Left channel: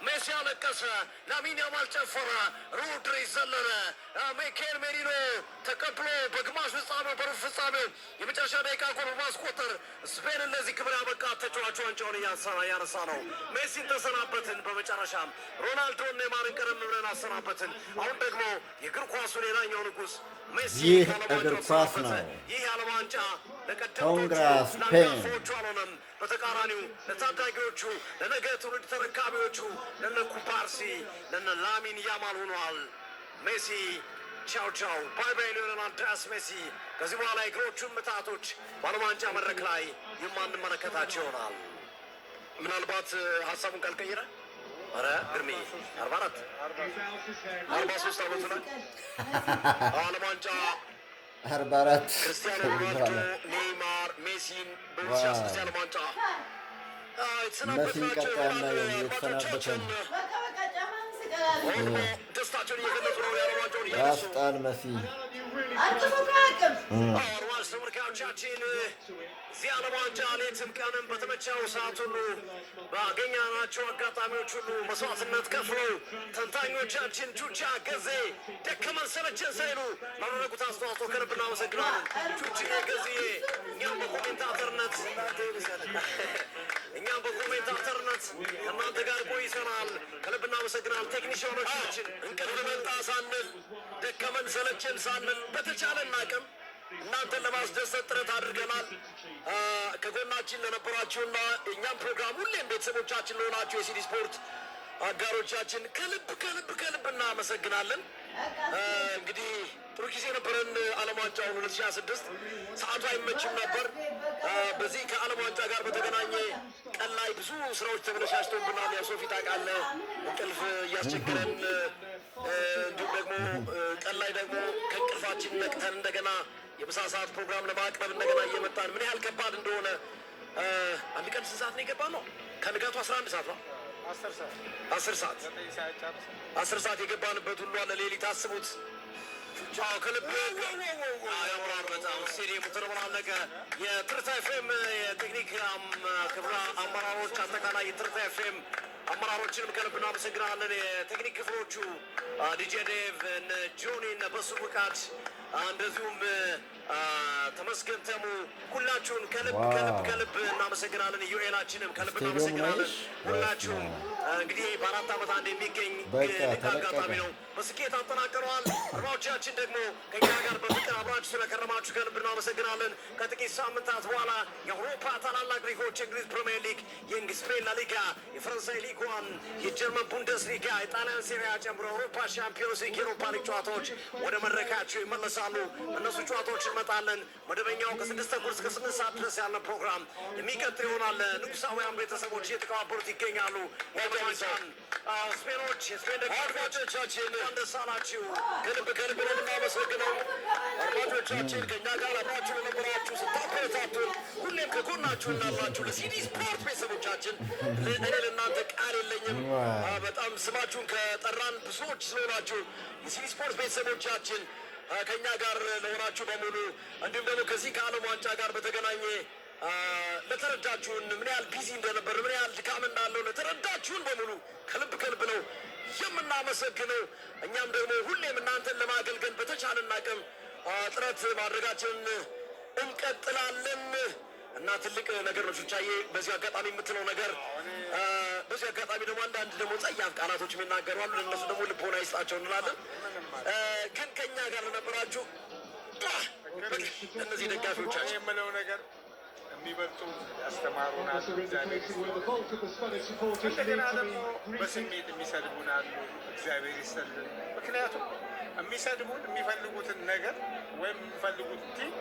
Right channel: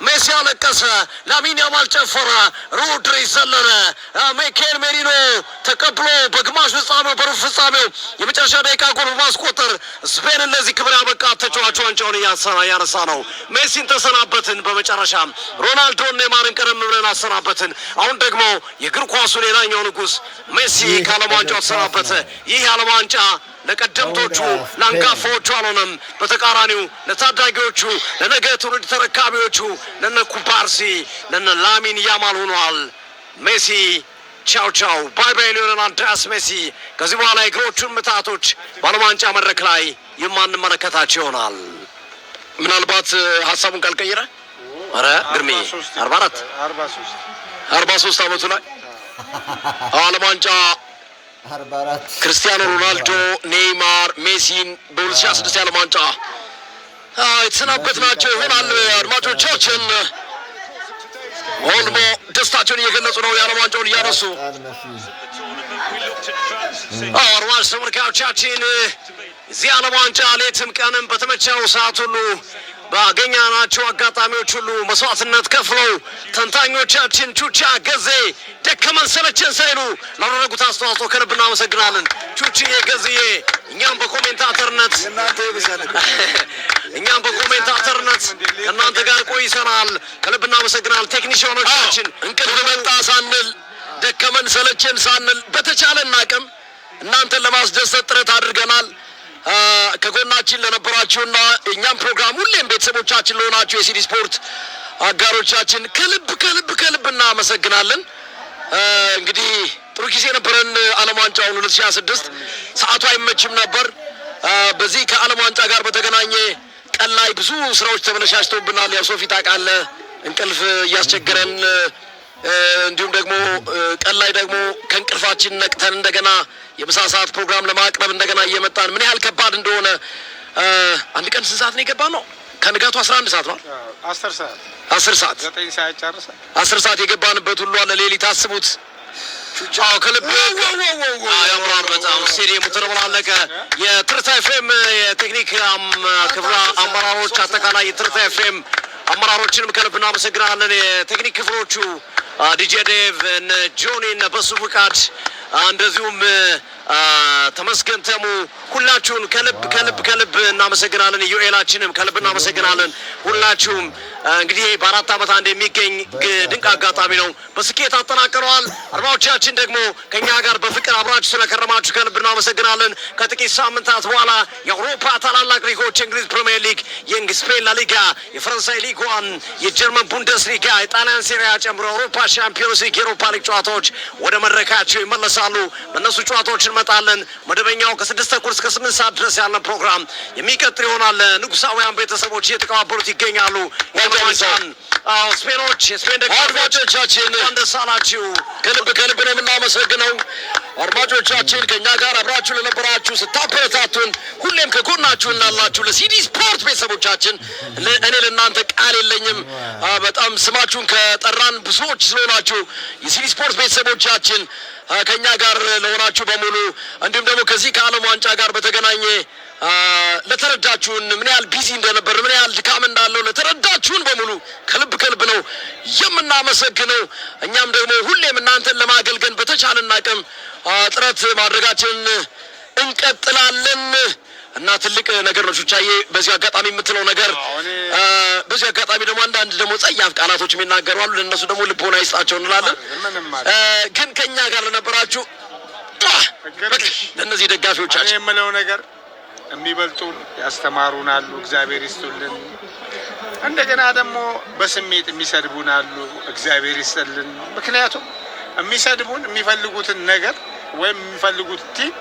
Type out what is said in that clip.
ሜሲ አለቀሰ። ላሚን ያማል ጨፈረ። ሮድሪ ዘለለ። ሚኬል ሜሪኖ ተቀብሎ በግማሽ ፍጻሜው በሩብ ፍጻሜው የመጨረሻ ደቂቃ ጎል በማስቆጠር ስፔንን ለዚህ ክብር ያበቃ ተጫዋቹ ዋንጫውን ያነሳ ነው። ሜሲን ተሰናበትን። በመጨረሻም ሮናልዶን ኔይማርን ቀደም ብለን አሰናበትን። አሁን ደግሞ የእግር ኳሱ ሌላኛው ንጉስ ሜሲ ከዓለም ዋንጫው ተሰናበተ። ይህ የዓለም ዋንጫ ለቀደምቶቹ ለአንጋፋዎቹ አልሆነም። በተቃራኒው ለታዳጊዎቹ ለነገ ትውልድ ተረካቢዎቹ ለነ ኩባርሲ ለነ ላሚን ያማል ሆኗል። ሜሲ ቻው ቻው ባይ ባይ ሊዮኔል አንድሬያስ ሜሲ ከዚህ በኋላ የእግሮቹን ምታቶች በዓለም ዋንጫ መድረክ ላይ የማንመለከታቸው ይሆናል። ምናልባት ሀሳቡን ካልቀየረ ኧረ ግርሜ 43 ዓመቱ ላይ ዓለም ዋንጫ 44 ክርስቲያኖ ሮናልዶ ኔይማር ሜሲን በ2006 የዓለም ዋንጫ የተሰናበትናቸው ይሆናል። አድማጮቻችን ኦልሞ ደስታቸውን እየገለጹ ነው። የዓለም ዋንጫውን እያነሱ አድማጭ ተመልካቾቻችን እዚህ ዓለም ዋንጫ ሌትም ቀንም በተመቸው ሰዓት ሁሉ ባገኘናቸው አጋጣሚዎች ሁሉ መስዋዕትነት ከፍለው ተንታኞቻችን ቹቻ ገዜ ደከመን ሰለቸን ሳይሉ ላደረጉት አስተዋጽኦ ከልብ እናመሰግናለን። ቹቺዬ ገዝዬ እኛም በኮሜንታተርነት ከእናንተ ጋር ቆይተናል። ከልብ እናመሰግናለን። ቴክኒሽያኖቻችን እንቅልፍ መጣ ሳንል ደከመን ሰለቸን ሳንል በተቻለን አቅም እናንተን ለማስደሰት ጥረት አድርገናል። ከጎናችን ለነበራችሁና እኛም ፕሮግራም ሁሌም ቤተሰቦቻችን ለሆናችሁ የሲዲ ስፖርት አጋሮቻችን ከልብ እናመሰግናለን። እንግዲህ ጥሩ ጊዜ ነበረን። ዓለም ዋንጫውን 2026 ሰዓቱ አይመችም ነበር። በዚህ ከዓለም ዋንጫ ጋር በተገናኘ ቀን ላይ ብዙ ስራዎች ተበለሻሽተውብናል። ያው ሶፊ ታውቃለህ፣ እንቅልፍ እያስቸገረን እንዲሁም ደግሞ ቀን ላይ ደግሞ ከእንቅልፋችን ነቅተን እንደገና የምሳ ሰዓት ፕሮግራም ለማቅረብ እንደገና እየመጣን ምን ያህል ከባድ እንደሆነ አንድ ቀን ስንት ሰዓት ነው የገባን ነው? ከንጋቱ 11 ሰዓት ነው 10 ሰዓት 10 ሰዓት የገባንበት ሁሉ አለ። ሌሊት አስቡት። ከልብ ያምራል በጣም ስቴዲየሙ ተደበላለቀ። የትርታ ኤፍኤም የቴክኒክ ክፍል አመራሮች አጠቃላይ የትርታ ኤፍኤም አመራሮችንም ከልብ እናመሰግናለን። የቴክኒክ ክፍሎቹ ዲጄ ዴቭ እነ ጆኒ እነ በሱ ፍቃድ እንደዚሁም ተመስገን ተሙ ሁላችሁን ከልብ እናመሰግናለን። ዩኤላችንም ከልብ እናመሰግናለን። ሁላችሁም እንግዲህ በአራት ዓመት አንድ የሚገኝ ድንቅ አጋጣሚ ነው። በስኬት አጠናቅረዋል። አድማጮቻችን ደግሞ ከኛ ጋር በፍቅር አብራችሁ ስለከረማችሁ ከልብ እናመሰግናለን። ከጥቂት ሳምንታት በኋላ የአውሮፓ ታላላቅ ሊጎች የእንግሊዝ ፕሪሚየር ሊግ፣ የስፔን ላሊጋ፣ የፈረንሳይ ሊግ ዋን፣ የጀርመን ቡንደስ ሊጋ፣ የጣሊያን ሴሪያ ጨምሮ የአውሮፓ ሻምፒዮንስ ሊግ፣ የአውሮፓ ሊግ ጨዋታዎች ወደ መድረካቸው ይመለሳሉ። በእነሱ ጨዋታዎች እንመጣለን። መደበኛው ከ6 ተኩል እስከ 8 ሰዓት ድረስ ያለን ፕሮግራም የሚቀጥል ይሆናል። ንጉሳውያን ቤተሰቦች እየተቀባበሉት ይገኛሉ። ዋንጫን ስፔኖች የስፔን ደጋፊዎቻችን ደስ አላችሁ። ከልብ ነው የምናመሰግነው። አድማጮቻችን ከእኛ ጋር አብራችሁ ለነበራችሁ ስታበረታቱን ሁሌም ከጎናችሁ እናላችሁ ለሲዲ ስፖርት ቤተሰቦቻችን እኔ ለእናንተ ቃል የለኝም። በጣም ስማችሁን ከጠራን ብዙዎች ስለሆናችሁ የሲዲ ስፖርት ቤተሰቦቻችን ከኛ ጋር ለሆናችሁ በሙሉ እንዲሁም ደግሞ ከዚህ ከዓለም ዋንጫ ጋር በተገናኘ ለተረዳችሁን ምን ያህል ቢዚ እንደነበር ምን ያህል ድካም እንዳለው ለተረዳችሁን በሙሉ ከልብ ነው የምናመሰግነው። እኛም ደግሞ ሁሌም እናንተን ለማገልገል በተቻለን አቅም ጥረት ማድረጋችንን እንቀጥላለን እና ትልቅ ነገር ነው። ቹቻዬ በዚህ አጋጣሚ የምትለው ነገር በዚህ አጋጣሚ ደግሞ አንዳንድ ደግሞ ጸያፍ ቃላቶች የሚናገሩ አሉ። ለእነሱ ደግሞ ልቦና ይስጣቸው እንላለን። ግን ከኛ ጋር ለነበራችሁ ለእነዚህ ደጋፊዎቻችን የምለው ነገር የሚበልጡን ያስተማሩን አሉ፣ እግዚአብሔር ይስጡልን። እንደገና ደግሞ በስሜት የሚሰድቡን አሉ፣ እግዚአብሔር ይስጥልን። ምክንያቱም የሚሰድቡን የሚፈልጉትን ነገር ወይም የሚፈልጉት ቲም